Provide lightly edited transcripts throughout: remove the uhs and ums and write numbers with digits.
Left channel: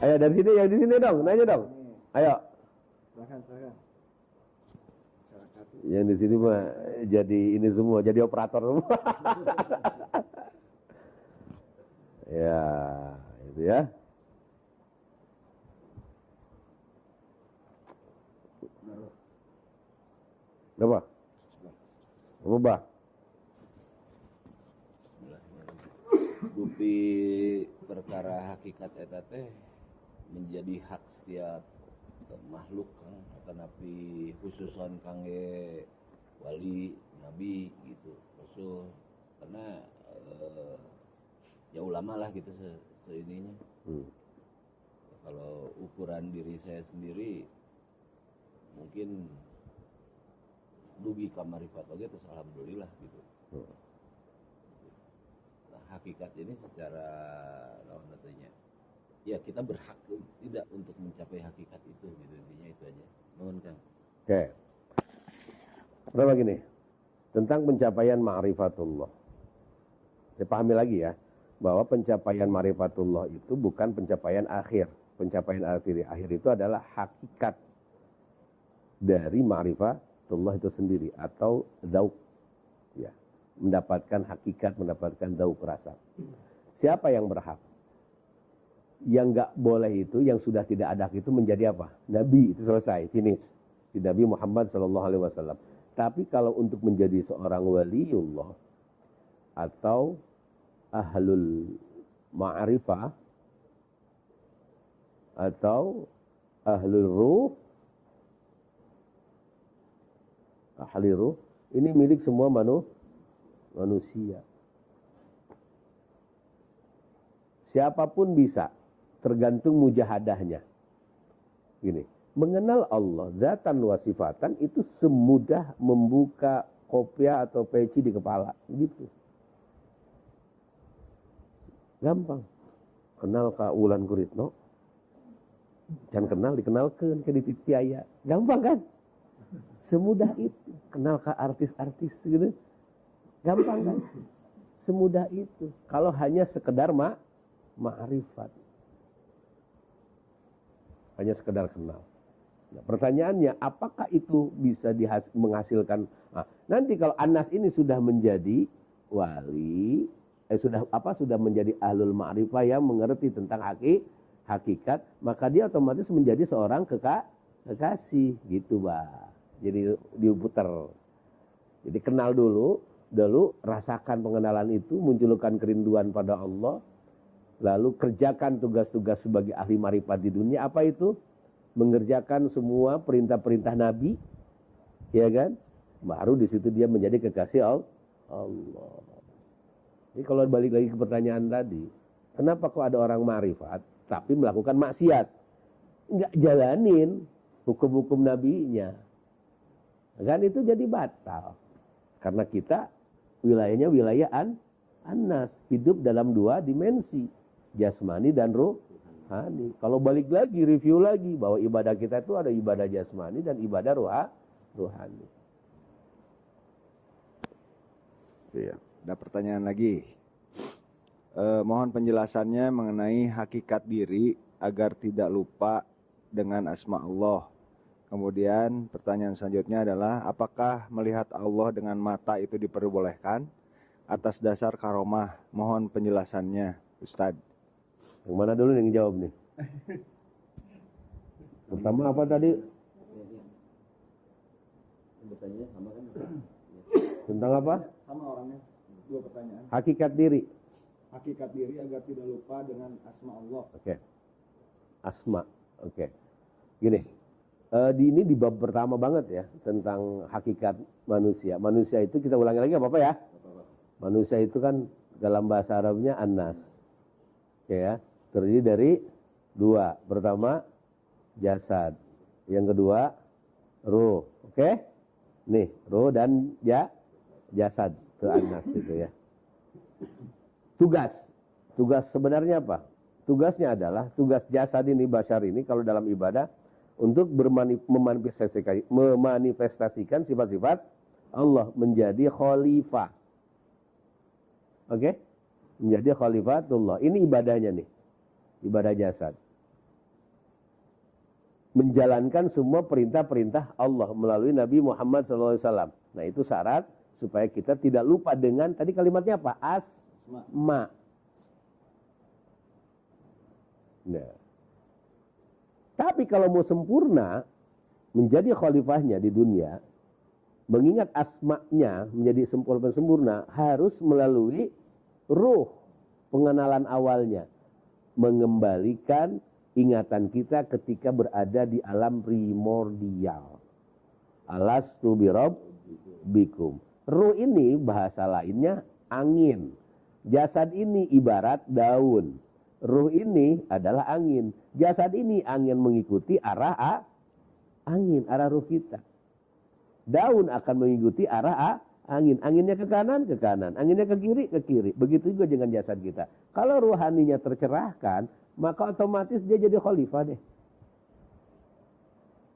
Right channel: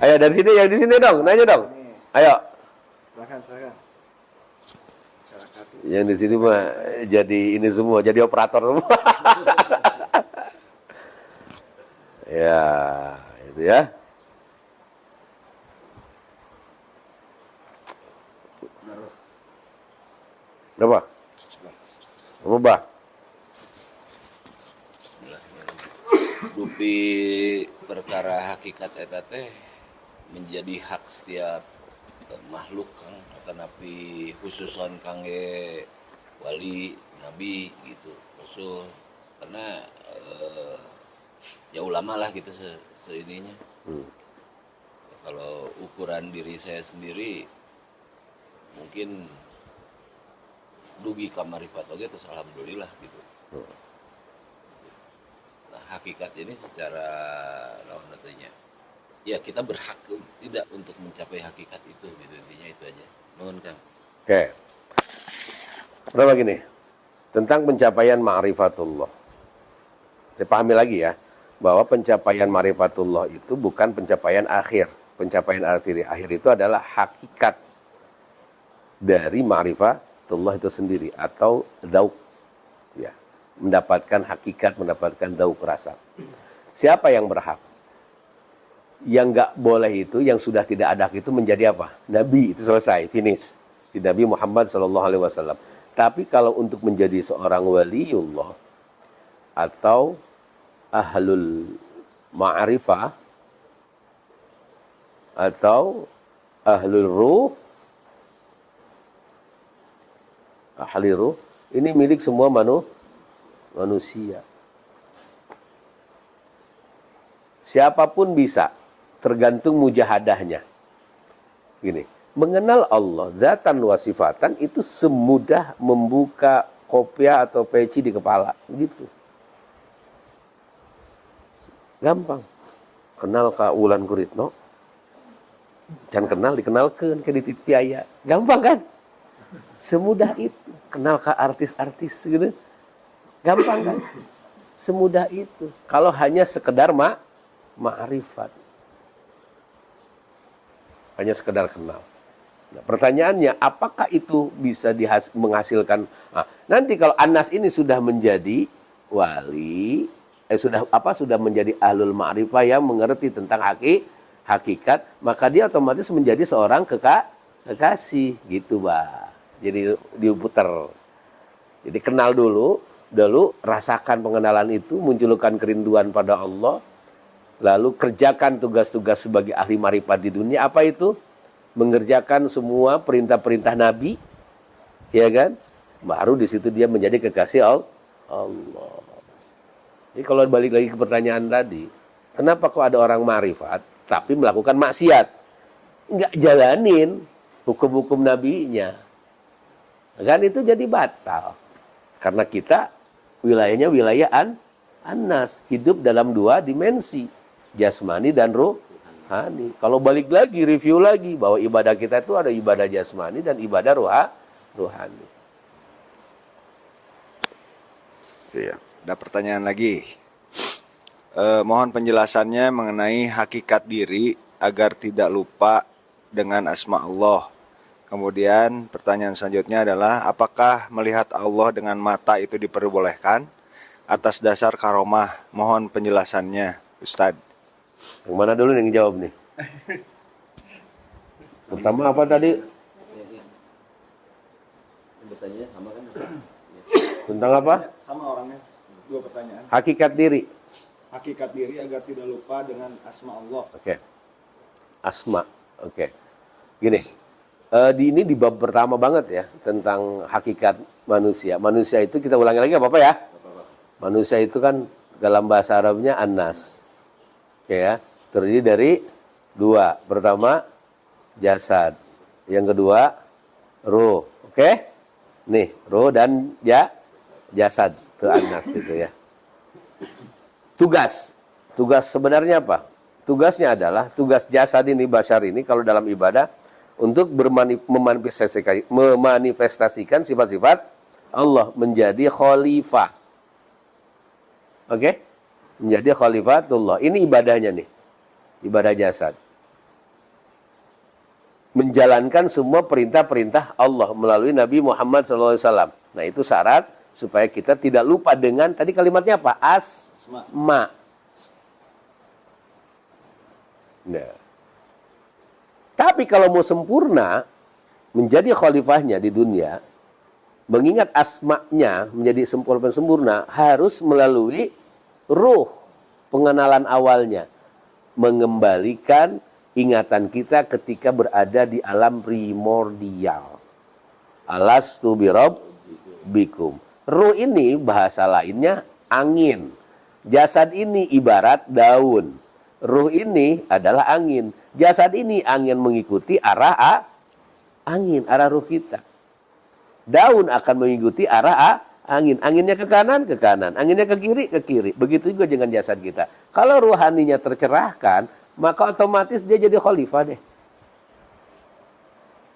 Ayo dari sini, yang di sini dong, nanya dong. Ayo. Silakan. Yang di sini mah jadi ini semua, jadi operator semua. Ya, itu ya. Berapa? Berapa? Dupi perkara hakikat eta teh menjadi hak setiap makhluk kan, tetapi khususon kangge wali nabi gitu rasul karena ya ulama lah gitu seininya. Kalau ukuran diri saya sendiri mungkin dugi kamarifat oge terus alhamdulillah gitu. Nah, hakikat ini secara lawan katanya ya kita berhak tidak untuk mencapai hakikat itu gitu, intinya itu aja. Nuhun Kang. Oke. Berapa gini? Tentang pencapaian ma'rifatullah. Saya pahami lagi ya, bahwa pencapaian ma'rifatullah itu bukan pencapaian akhir. Pencapaian akhir itu adalah hakikat dari ma'rifatullah itu sendiri atau dauk. Ya, mendapatkan hakikat, mendapatkan dauk rasa. Siapa yang berhak? Yang nggak boleh itu, yang sudah tidak ada itu menjadi apa? Nabi, itu selesai, finish. Di Nabi Muhammad SAW. Tapi kalau untuk menjadi seorang waliullah atau ahlul ma'rifah atau ahlul ruh, ahli ruh, ini milik semua manusia. Siapapun bisa, tergantung mujahadahnya. Gini, mengenal Allah zatan wa sifatan itu semudah membuka kopiah atau peci di kepala, gitu. Gampang. Kenal ka Wulan Guritno, can kenal dikenalkeun ke di Tiaya. Gampang kan? Semudah itu. Kenal ka artis-artis gitu. Gampang kan? Semudah itu. Kalau hanya sekedar ma'rifat. Hanya sekedar kenal. Nah, pertanyaannya, apakah itu bisa menghasilkan? Nah, nanti kalau Anas ini sudah menjadi wali, sudah menjadi ahlul ma'rifah yang mengerti tentang hakikat, maka dia otomatis menjadi seorang kekasih, gitu, Bah. Jadi diputar. Jadi kenal dulu, rasakan pengenalan itu, munculkan kerinduan pada Allah. Lalu kerjakan tugas-tugas sebagai ahli marifat di dunia. Apa itu? Mengerjakan semua perintah-perintah Nabi. Ya kan? Baru di situ dia menjadi kekasih Allah. Jadi kalau balik lagi ke pertanyaan tadi. Kenapa kok ada orang marifat tapi melakukan maksiat? Enggak jalanin hukum-hukum Nabinya. Kan itu jadi batal. Karena kita wilayahnya wilayah Anas. Hidup dalam dua dimensi. Jasmani dan rohani. Kalau balik lagi, review lagi bahwa ibadah kita itu ada ibadah jasmani dan ibadah rohani. Iya. Ada pertanyaan lagi. Mohon penjelasannya mengenai hakikat diri agar tidak lupa dengan asma Allah. Kemudian pertanyaan selanjutnya adalah apakah melihat Allah dengan mata itu diperbolehkan atas dasar karomah? Mohon penjelasannya, Ustadz. Yang mana dulu yang jawab nih? Pertama apa tadi? Bertanya sama kan? Tentang apa? Sama orangnya. Dua pertanyaan. Hakikat diri. Hakikat diri agar tidak lupa dengan asma Allah. Oke. Asma. Oke. Gini. Ini di bab pertama banget ya. Tentang hakikat manusia. Manusia itu kita ulangi lagi apa-apa ya? Manusia itu kan dalam bahasa Arabnya Anas. Oke ya. Terdiri dari dua. Pertama jasad. Yang kedua ruh. Oke? Nih, ruh dan jasad. Itu Anas itu ya. Tugas sebenarnya apa? Tugasnya adalah, tugas jasad ini, bashar ini kalau dalam ibadah untuk memanifestasikan sifat-sifat Allah, menjadi khalifah. Oke? Menjadi khalifatullah. Ini ibadahnya nih. Ibadah jasad. menjalankan semua perintah-perintah Allah melalui Nabi Muhammad SAW. Nah, itu syarat supaya kita tidak lupa dengan tadi kalimatnya apa? Asma. Nah. Tapi kalau mau sempurna menjadi khalifahnya di dunia, mengingat asma'nya menjadi sempurna harus melalui ruh, pengenalan awalnya, mengembalikan ingatan kita ketika berada di alam primordial. Alastu birabbikum. Ruh ini bahasa lainnya angin. Jasad ini ibarat daun. Ruh ini adalah angin. Jasad ini angin mengikuti arah angin, arah ruh kita. Daun akan mengikuti arah angin. Anginnya ke kanan, ke kanan. Anginnya ke kiri, ke kiri. Begitu juga dengan jasad kita. Kalau ruhaninya tercerahkan, maka otomatis dia jadi khalifah deh.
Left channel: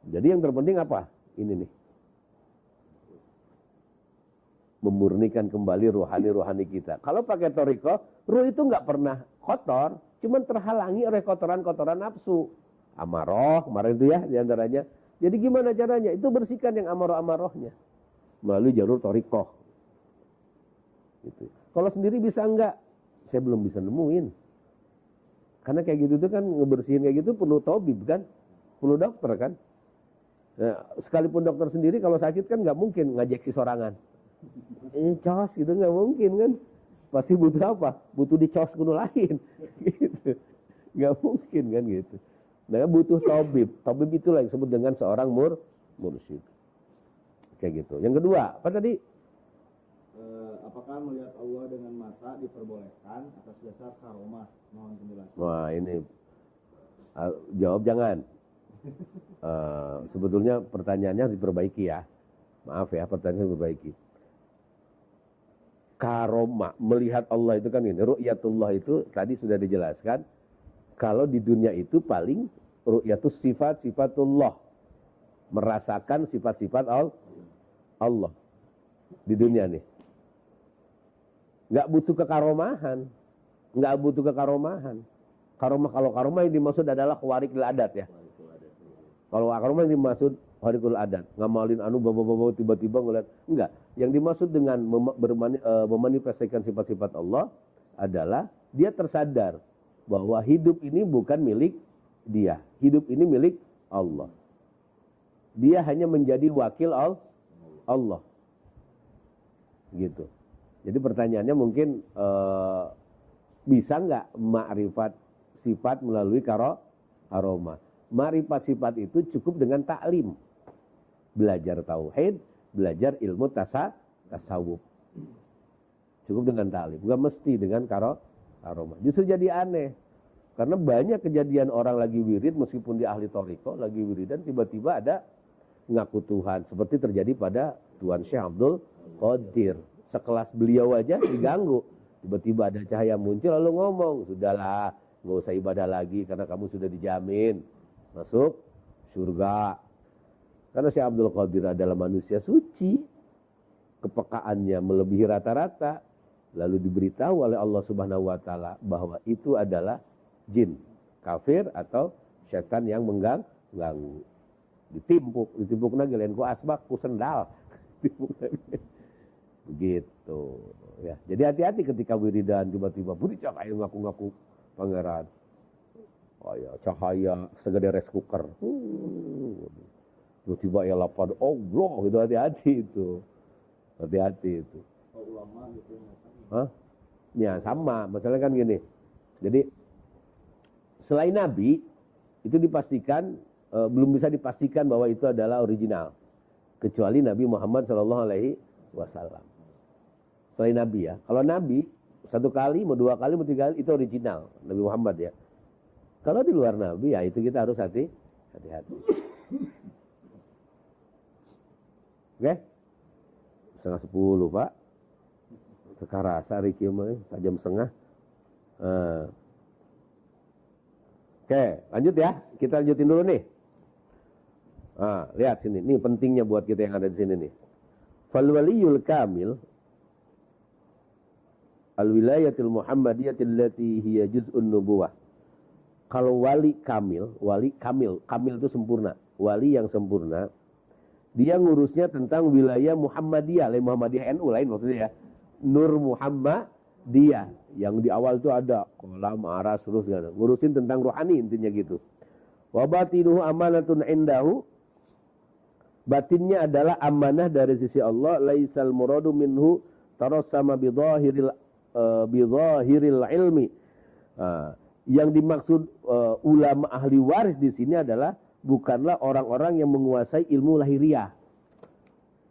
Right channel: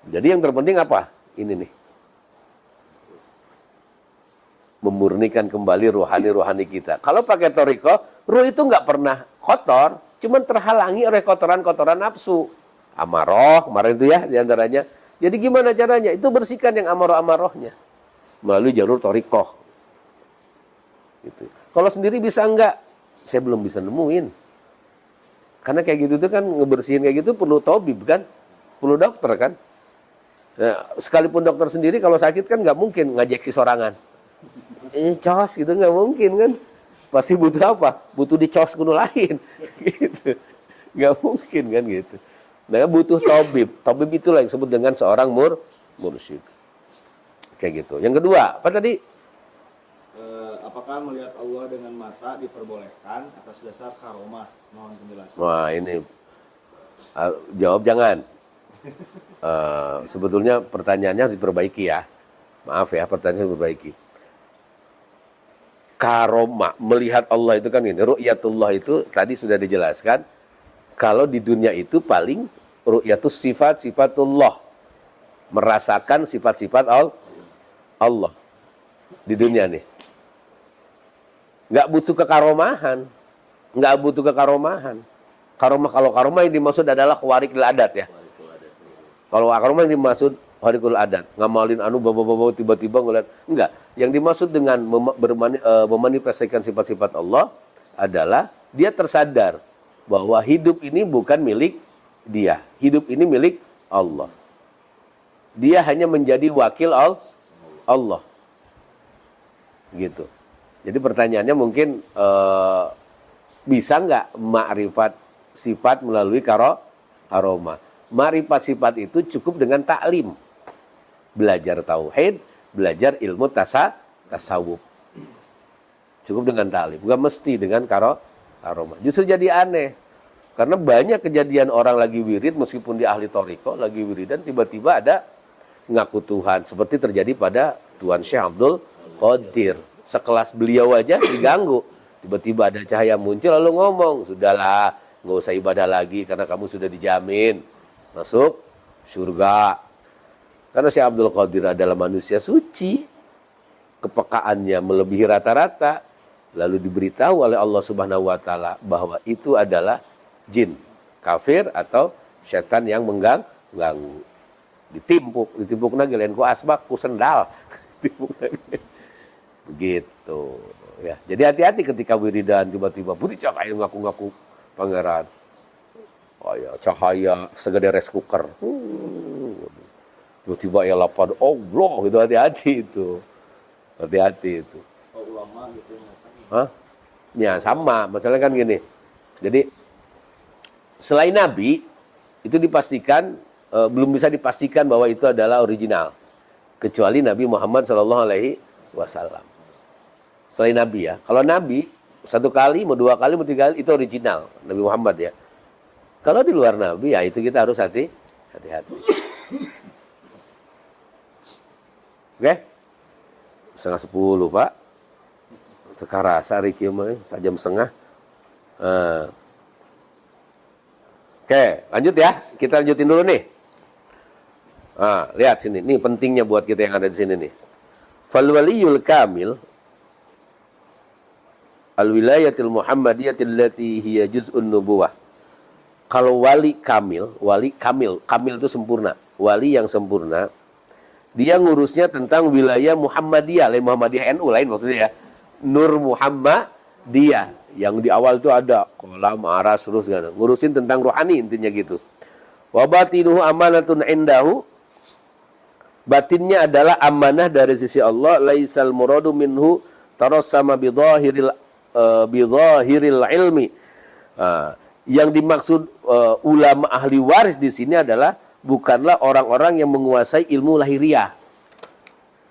Jadi yang terpenting apa? Ini nih. Memurnikan kembali rohani-rohani kita. Kalau pakai toriko, ruh itu nggak pernah kotor, cuman terhalangi oleh kotoran-kotoran nafsu. Amaroh, kemarin itu ya diantaranya. Jadi gimana caranya? Itu bersihkan yang amaroh-amarohnya. Melalui jalur torikoh. Gitu. Kalau sendiri bisa enggak? Saya belum bisa nemuin. Karena kayak gitu tuh kan ngebersihin kayak gitu perlu tabib kan? Perlu dokter kan? Nah, sekalipun dokter sendiri kalau sakit kan nggak mungkin ngajak si sorangan. Cos gitu nggak mungkin kan? Pasti butuh apa? Butuh dicos kuno lain. Gitu. Nggak mungkin kan gitu. Nah, butuh tabib. Tabib itulah yang disebut dengan seorang mursyid. Kayak gitu. Yang kedua, apa tadi? Apakah melihat Allah dengan mata diperbolehkan atas dasar karomah? Mohon penjelasan. Wah, ini jawab jangan. Sebetulnya pertanyaannya harus diperbaiki ya. Maaf ya, pertanyaannya harus diperbaiki. Karomah, melihat Allah itu kan ini. Ru'yatullah itu tadi sudah dijelaskan. Kalau di dunia itu paling ru'yatus sifat-sifatullah. Merasakan sifat-sifat Allah. Di dunia nih. Nggak butuh kekaromahan. Nggak butuh kekaromahan. Kalau karomah yang dimaksud adalah khawarikul adat ya. Kalau karomah yang dimaksud khawarikul adat. Ngamalin bawa-bawa tiba-tiba ngeliat. Enggak. Yang dimaksud dengan memanifestasikan sifat-sifat Allah adalah dia tersadar bahwa hidup ini bukan milik dia. Hidup ini milik Allah. Dia hanya menjadi wakil Allah. Gitu. Jadi pertanyaannya mungkin bisa nggak makrifat sifat melalui karomah? Makrifat sifat itu cukup dengan taklim. Belajar tauhid, belajar ilmu tasawuf. Cukup dengan taklim, bukan mesti dengan karomah. Justru jadi aneh. Karena banyak kejadian orang lagi wirid meskipun di ahli toriko, lagi wiridan tiba-tiba ada ngaku Tuhan. Seperti terjadi pada Tuan Syekh Abdul Qadir. Sekelas beliau aja diganggu. Tiba-tiba ada cahaya muncul lalu ngomong, sudahlah, nggak usah ibadah lagi karena kamu sudah dijamin masuk surga. Karena Syekh Abdul Qadir adalah manusia suci, kepekaannya melebihi rata-rata, lalu diberitahu oleh Allah Subhanahu wa taala bahwa itu adalah jin, kafir atau setan yang mengganggu. Ditimpuk lagi lain ku asbak ku sendal. Ditimpuk lagi. Begitu ya. Jadi hati-hati ketika wiridan tiba-tiba budi cahaya ngaku-ngaku pangeran. Oh ya, cahaya segede rice cooker. Tiba-tiba ya lapar Allah, itu hati-hati itu. Hati-hati itu. Oh, ulama gitu. Hah? Ya sama, masalahnya kan gini. Jadi selain Nabi itu dipastikan belum bisa dipastikan bahwa itu adalah original kecuali Nabi Muhammad SAW. Selain Nabi ya. Kalau Nabi, satu kali, mau dua kali, mau tiga kali, itu original. Nabi Muhammad ya. Kalau di luar Nabi, ya itu kita harus hati-hati. Oke? 9:30 Pak. Sekarang sehari kiamah, sejam setengah. Oke, lanjut ya. Kita lanjutin dulu nih. Lihat sini. Ini pentingnya buat kita yang ada di sini nih. Fal waliyul kamil al-wilayatil muhammadiyatil lati hiya juz'un nubuwah kalau wali kamil itu sempurna. Wali yang sempurna, dia ngurusnya tentang wilayah Muhammadiyah, lain Muhammadiyah NU lain maksudnya ya. Nur Muhammadiyah yang di awal itu ada kolam, aras, terus gitu. Ngurusin tentang rohani intinya gitu. Wa batinuhu amanatun indahu. Batinnya adalah amanah dari sisi Allah. Laisal muradu minhu tarassama bidhahiril ilmi. Yang dimaksud ulama ahli waris di sini adalah bukanlah orang-orang yang menguasai ilmu lahiriah.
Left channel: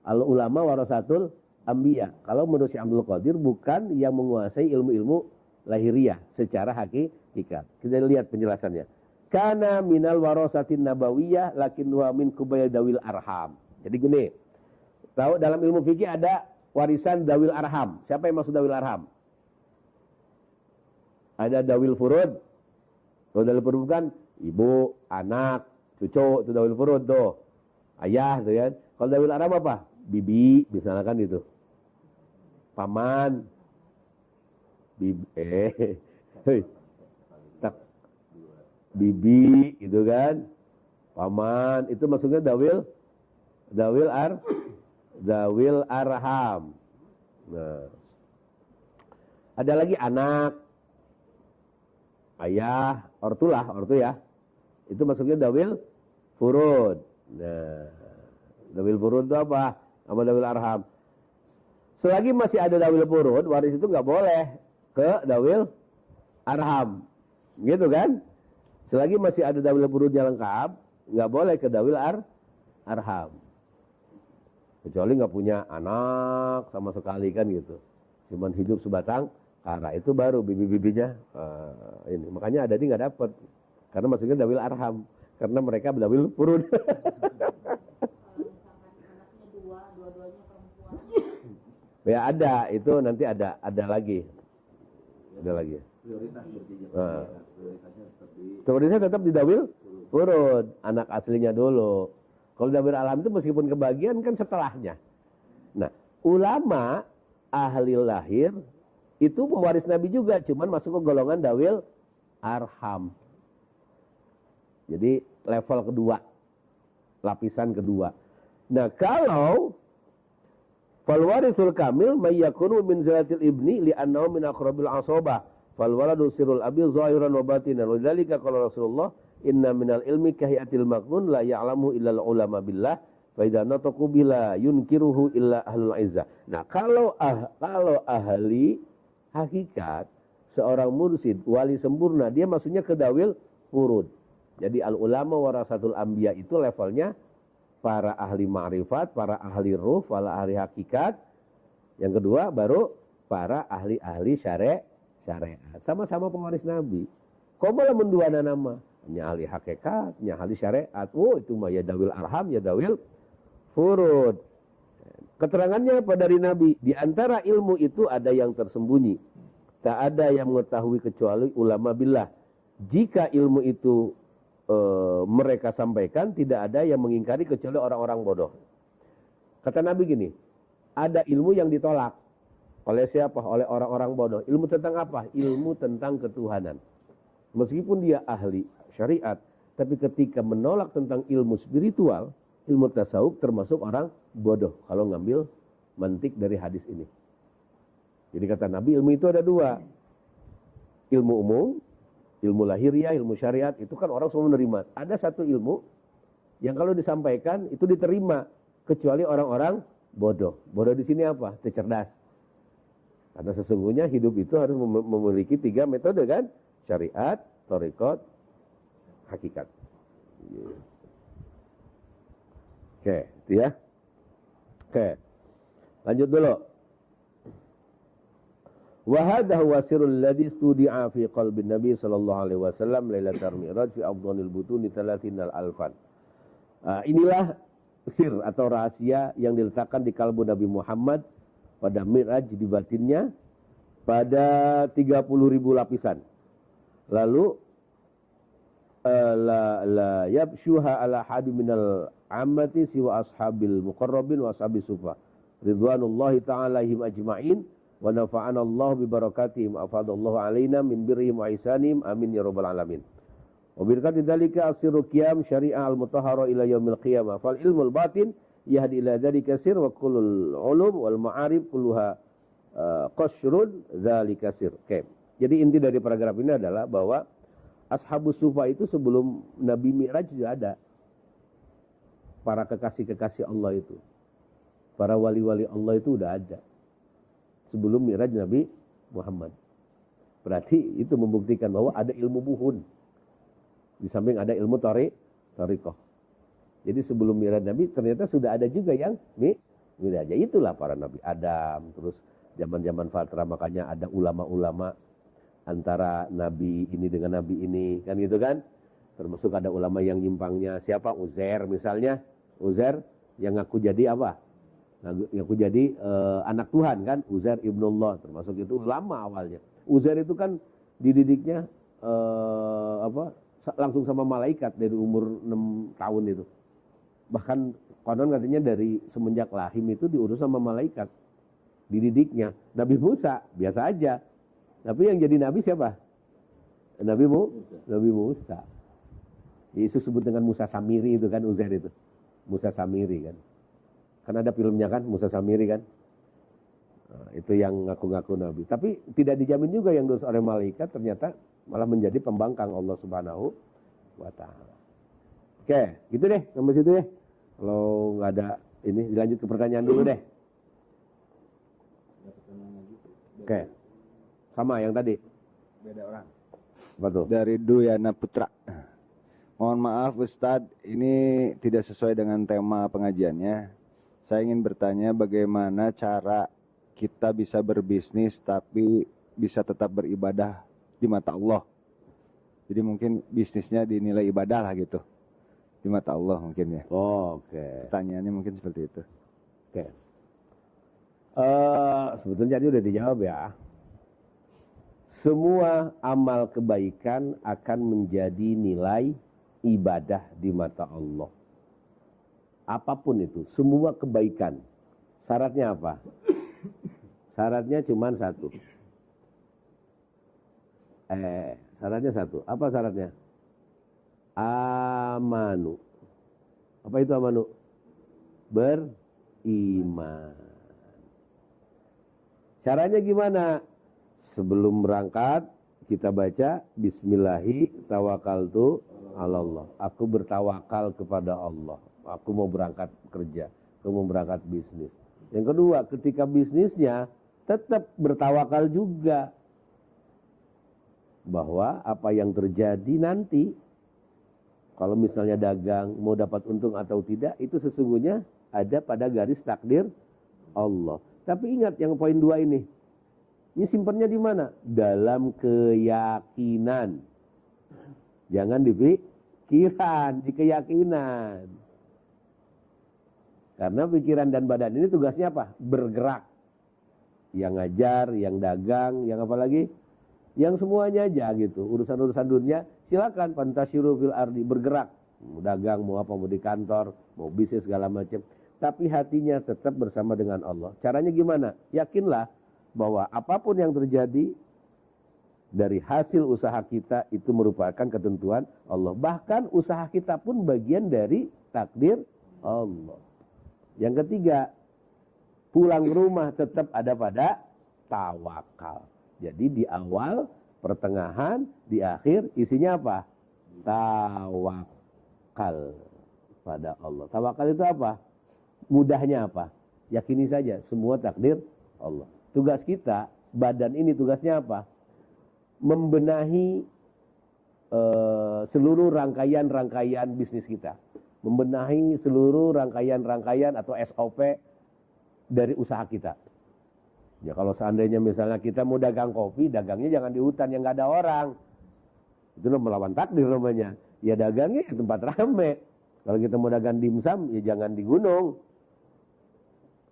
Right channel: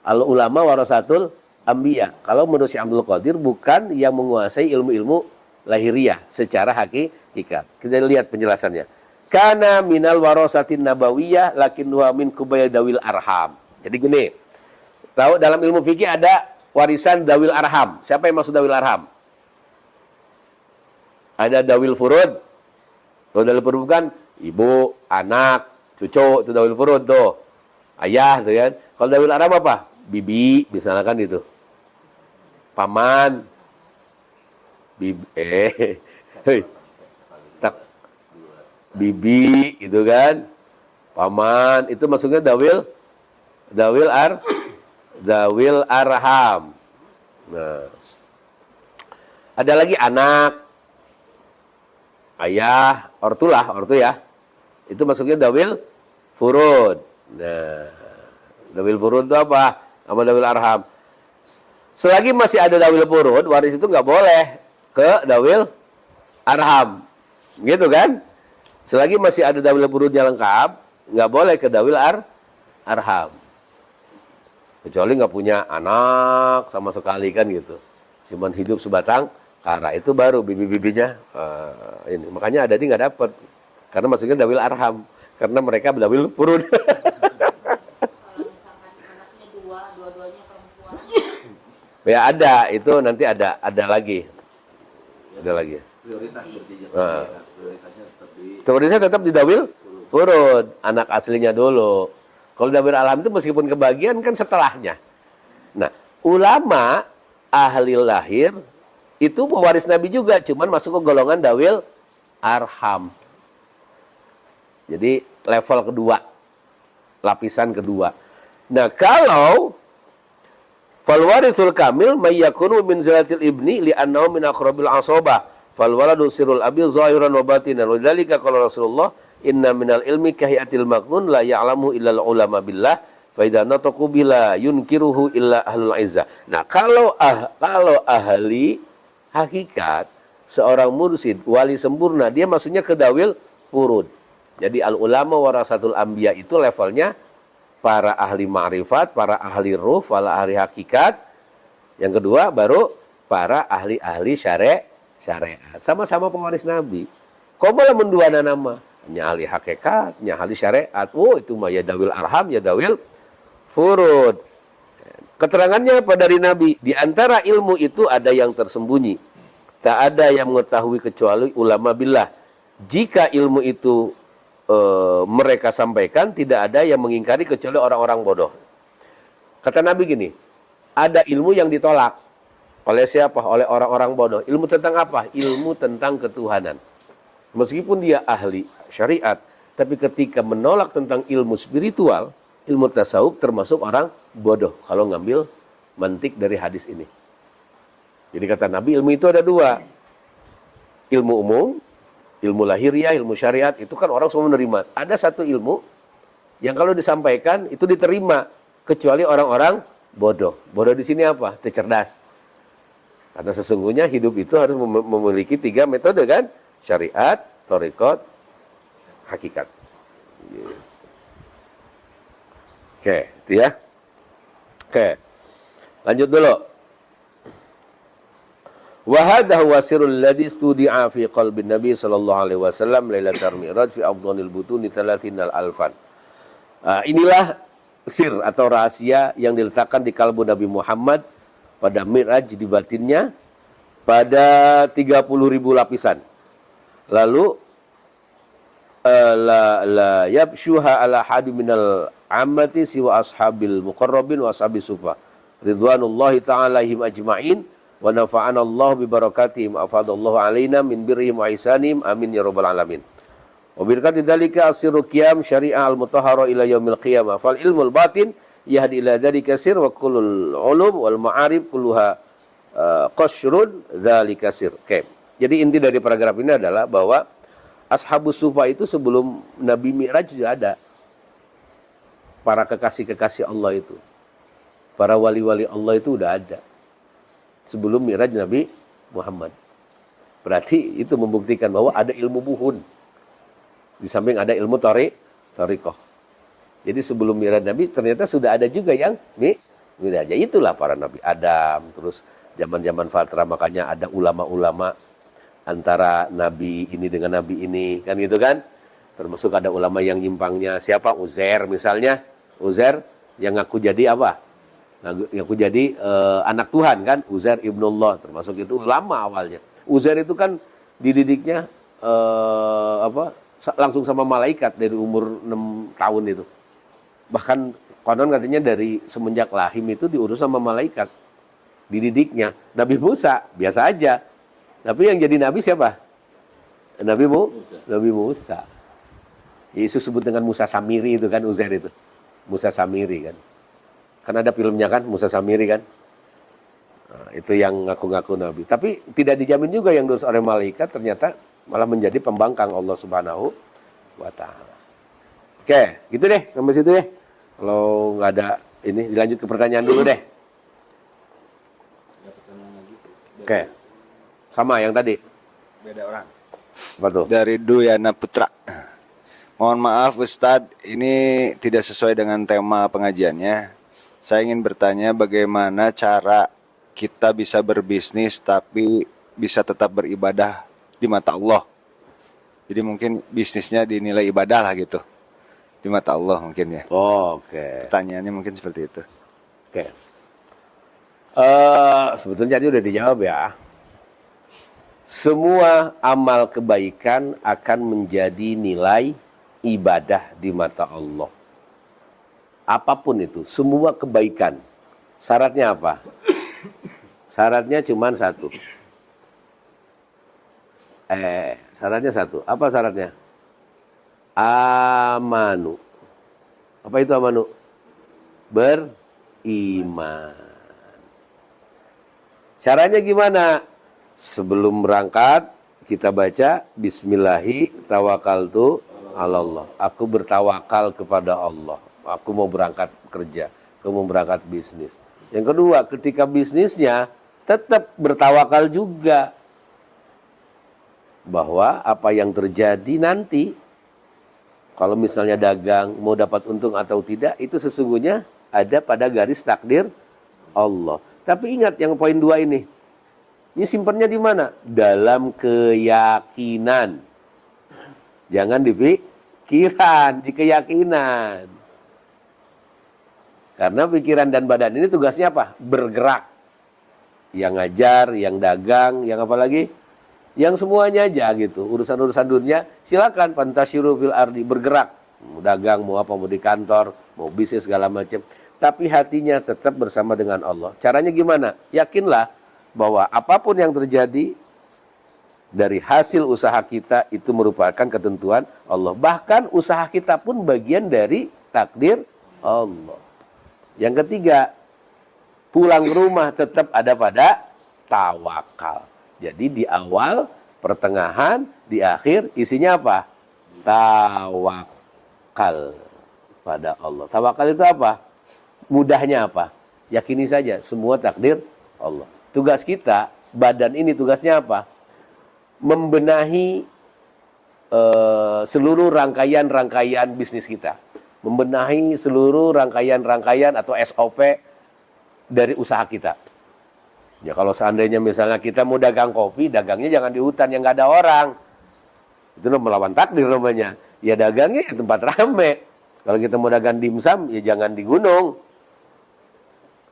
Al ulama warasatul anbiya. Kalau menurut Syekh Abdul Qadir bukan yang menguasai ilmu-ilmu lahiriah secara hakikat. Kita lihat penjelasannya. Kana minal warasatin nabawiyah lakin huwa min kubayl dawil arham. Jadi gini. Tahu dalam ilmu fikih ada warisan dawil arham. Siapa yang maksud dawil arham? Ada dawil furud. Kalau dawil furud bukan ibu, anak, cucu, itu dawil furud tuh. Ayah tuh kan. Kalau dawil arham apa? Bibi, misalnya kan itu. Paman. Bibi, bibi itu kan. Paman, itu maksudnya dawil arham. Nah. Ada lagi anak, ayah, ortu ya. Itu maksudnya dawil furud. Nah, dawil furud itu apa? Sama dawil arham. Selagi masih ada dawil furud, waris itu nggak boleh ke dawil arham. Gitu kan? Selagi masih ada dawil furudnya lengkap, nggak boleh ke dawil arham. Kecuali nggak punya anak sama sekali kan gitu. Cuman hidup sebatang kara, itu baru bibi-bibinya ini. Makanya ada nggak dapat. Karena maksudnya dawil arham. Karena mereka dawil furud. Kalau misalkan anaknya dua-duanya perempuan. Ya ada, itu nanti ada lagi. Ada lagi. Prioritas berarti Prioritasnya tetap di dawil furud, anak aslinya dulu. Kalau dawil arham itu meskipun kebagian kan setelahnya. Nah, ulama ahli lahir itu pewaris Nabi juga, cuman masuk ke golongan dawil arham. Jadi level kedua, lapisan kedua. Nah, kalau fal warithul kamil may yakunu min zalatil ibni li'annahu min aqrabil asabah. Fal waladu sirrul abi zahiran wa batinan. Wa dzalika qala Rasulullah inna minal ilmi kahiyatil maknun la ya'lamu illal ulama billah fa idza nataqu bila yunkiruhu illa ahlul izzah. Nah, kalau ahli hakikat, seorang mursyid, wali sempurna, dia maksudnya ke dawil furud. Jadi al ulama warasatul anbiya itu levelnya para ahli ma'rifat, para ahli ruh, para ahli hakikat. Yang kedua baru para ahli-ahli syariat. Sama-sama pewaris Nabi. Kok malah menduana nama? Nya ahli hakikat, nya ahli syariat. Oh, itu mah ya dawil arham, ya dawil furud. Keterangannya apa dari Nabi? Di antara ilmu itu ada yang tersembunyi. Tak ada yang mengetahui kecuali ulama billah. Jika ilmu itu mereka sampaikan, tidak ada yang mengingkari kecuali orang-orang bodoh. Kata Nabi gini, ada ilmu yang ditolak. Oleh siapa? Oleh orang-orang bodoh. Ilmu tentang apa? Ilmu tentang ketuhanan. Meskipun dia ahli syariat, tapi ketika menolak tentang ilmu spiritual, ilmu tasawuf termasuk orang bodoh kalau ngambil mantik dari hadis ini. Jadi kata Nabi, ilmu itu ada dua. Ilmu umum, ilmu lahiriah, ilmu syariat, itu kan orang semua menerima. Ada satu ilmu yang kalau disampaikan itu diterima, kecuali orang-orang bodoh. Bodoh di sini apa? Cerdas. Karena sesungguhnya hidup itu harus memiliki 3 metode kan? Syariat, thariqat, hakikat. Oke, itu ya. Oke. Lanjut dulu. Wa hadha huwa sirrul ladzi studi'a fi qalbi Nabi sallallahu alaihi wasallam lailatul mi'raj fi afdhanil butuni 30 alfan. Inilah sir atau rahasia yang diletakkan di kalbu Nabi Muhammad pada Mi'raj di batinnya pada 30.000 lapisan. Lalu la yabshuha ala hadi minal ammati siwa ashabil muqarrabin wa ashabis sufa ridwanullahi ta'ala alaihim ajma'in wa nafa'ana Allah bi barakatihim afadallahu alaina min birrihim wa ihsanihim amin ya rabbal alamin. Wa birkati dzalika asirru qiyam syari'a al-mutahhara ila yaumil qiyamah. Fal ilmul batin yahdi ila dzalika sir wa kullul ulum wal ma'arif kulluha qashrun dzalika sir. Oke. Jadi inti dari paragraf ini adalah bahwa Ashabus Sufa itu sebelum Nabi Mi'raj juga ada. Para kekasih-kekasih Allah itu. Para wali-wali Allah itu udah ada. Sebelum Mi'raj Nabi Muhammad. Berarti itu membuktikan bahwa ada ilmu buhun. Di samping ada ilmu tariqah. Jadi sebelum Mi'raj Nabi ternyata sudah ada juga yang Mi'raj. Itulah para Nabi Adam. Terus zaman-zaman Fatra makanya ada ulama-ulama antara Nabi ini dengan Nabi ini. Kan gitu kan. Termasuk ada ulama yang nyimpangnya. Siapa? Uzair misalnya. Uzair yang ngaku jadi apa? Ngaku jadi anak Tuhan kan. Uzair ibnullah. Termasuk itu ulama awalnya. Uzair itu kan dididiknya langsung sama malaikat dari umur 6 tahun itu. Bahkan konon katanya dari semenjak lahir itu diurus sama malaikat. Dididiknya. Nabi Musa biasa aja. Tapi yang jadi nabi siapa? Nabi Musa. Yesus sebut dengan Musa Samiri itu kan Uzair itu. Musa Samiri kan. Kan ada filmnya kan Musa Samiri kan. Nah, itu yang ngaku-ngaku nabi. Tapi tidak dijamin juga yang diurus oleh malaikat ternyata malah menjadi pembangkang Allah Subhanahu wa taala. Oke, gitu deh sampai situ deh. Kalau nggak ada ini dilanjut ke pertanyaan dulu deh. Oke. Sama yang tadi. Beda orang. Apa tuh? Dari Duyana Putra. Mohon maaf Ustadz, ini tidak sesuai dengan tema pengajiannya. Saya ingin bertanya bagaimana cara kita bisa berbisnis tapi bisa tetap beribadah di mata Allah. Jadi mungkin bisnisnya dinilai ibadah lah gitu. Di mata Allah mungkin ya. Oh, oke. Pertanyaannya mungkin seperti itu. Oke. Sebetulnya tadi udah dijawab ya. Semua amal kebaikan akan menjadi nilai ibadah di mata Allah. Apapun itu, semua kebaikan. Syaratnya apa? Syaratnya cuma satu. Syaratnya satu. Apa syaratnya? Amanu. Apa itu amanu? Beriman. Caranya gimana? Sebelum berangkat kita baca Bismillahi tawakkaltu 'alallah. Aku bertawakal kepada Allah. Aku mau berangkat kerja, aku mau berangkat bisnis. Yang kedua, ketika bisnisnya tetap bertawakal juga bahwa apa yang terjadi nanti kalau misalnya dagang mau dapat untung atau tidak itu sesungguhnya ada pada garis takdir Allah. Tapi ingat yang poin 2 ini. Ini simpennya di mana? Dalam keyakinan. Jangan di pikiran, di keyakinan. Karena pikiran dan badan ini tugasnya apa? Bergerak. Yang ngajar, yang dagang, yang apa lagi? Yang semuanya aja gitu. Urusan-urusan dunia, silakan fantasyiru fil ardi, bergerak. Mau dagang, mau apa, mau di kantor, mau bisnis segala macam. Tapi hatinya tetap bersama dengan Allah. Caranya gimana? Yakinlah bahwa apapun yang terjadi dari hasil usaha kita itu merupakan ketentuan Allah. Bahkan usaha kita pun bagian dari takdir Allah. Yang ketiga, pulang ke rumah tetap ada pada tawakal. Jadi di awal, pertengahan, di akhir isinya apa? Tawakal pada Allah. Tawakal itu apa? Mudahnya apa? Yakini saja semua takdir Allah. Tugas kita, badan ini tugasnya apa? Membenahi seluruh rangkaian-rangkaian bisnis kita. Membenahi seluruh rangkaian-rangkaian atau SOP dari usaha kita. Ya kalau seandainya misalnya kita mau dagang kopi, dagangnya jangan di hutan yang nggak ada orang. Itu melawan takdir namanya. Ya dagangnya di tempat rame. Kalau kita mau dagang dimsum, ya jangan di gunung.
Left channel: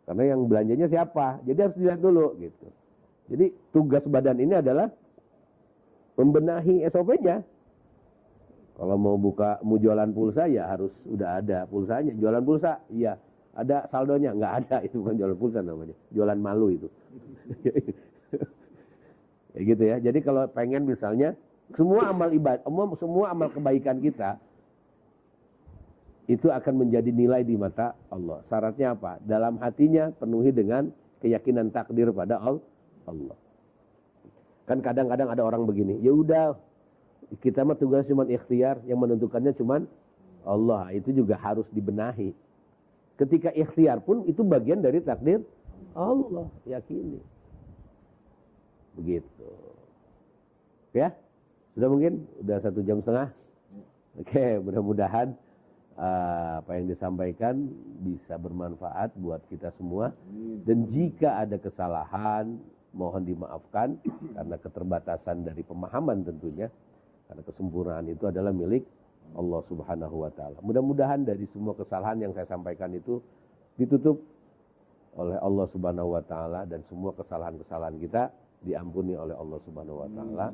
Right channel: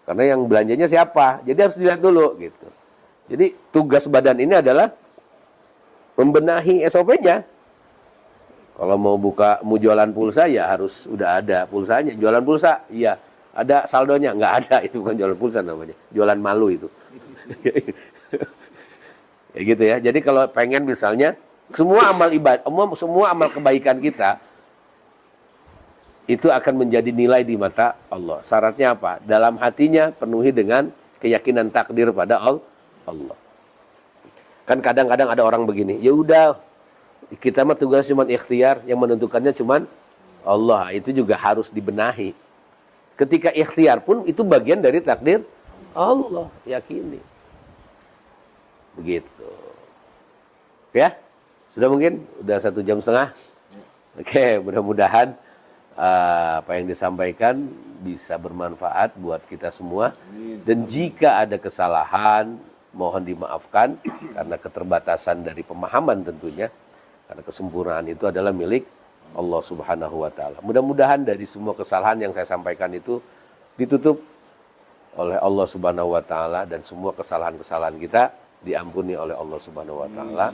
Karena yang belanjanya siapa? Jadi harus dilihat dulu gitu. Jadi tugas badan ini adalah membenahi SOP-nya. Kalau mau jualan pulsa ya harus udah ada pulsanya. Jualan pulsa, iya. Ada saldonya? Nggak ada, itu bukan jualan pulsa namanya. Jualan malu itu. Ya gitu ya. Jadi kalau pengen misalnya Semua amal ibadah, semua amal kebaikan kita itu akan menjadi nilai di mata Allah. Syaratnya apa? Dalam hatinya penuhi dengan keyakinan takdir pada Allah. Kan kadang-kadang ada orang begini, ya udah kita mah tugas cuma ikhtiar, yang menentukannya cuma Allah. Itu juga harus dibenahi. Ketika ikhtiar pun itu bagian dari takdir Allah, yakini. Begitu. Ya, sudah mungkin? Udah 1,5 jam. Oke, mudah-mudahan apa yang disampaikan bisa bermanfaat buat kita semua. Dan jika ada kesalahan, mohon dimaafkan karena keterbatasan dari pemahaman tentunya. Karena kesempurnaan itu adalah milik Allah Subhanahu wa taala. Mudah-mudahan dari semua kesalahan yang saya sampaikan itu ditutup oleh Allah Subhanahu wa taala dan semua kesalahan-kesalahan kita diampuni oleh Allah Subhanahu wa taala.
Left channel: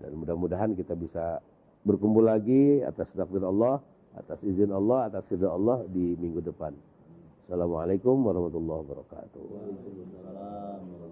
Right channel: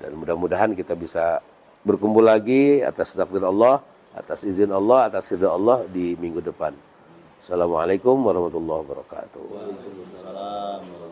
Dan mudah-mudahan kita bisa berkumpul lagi atas takdir Allah, atas izin Allah, atas ridha Allah di minggu depan. Assalamualaikum warahmatullahi wabarakatuh. Waalaikumsalam.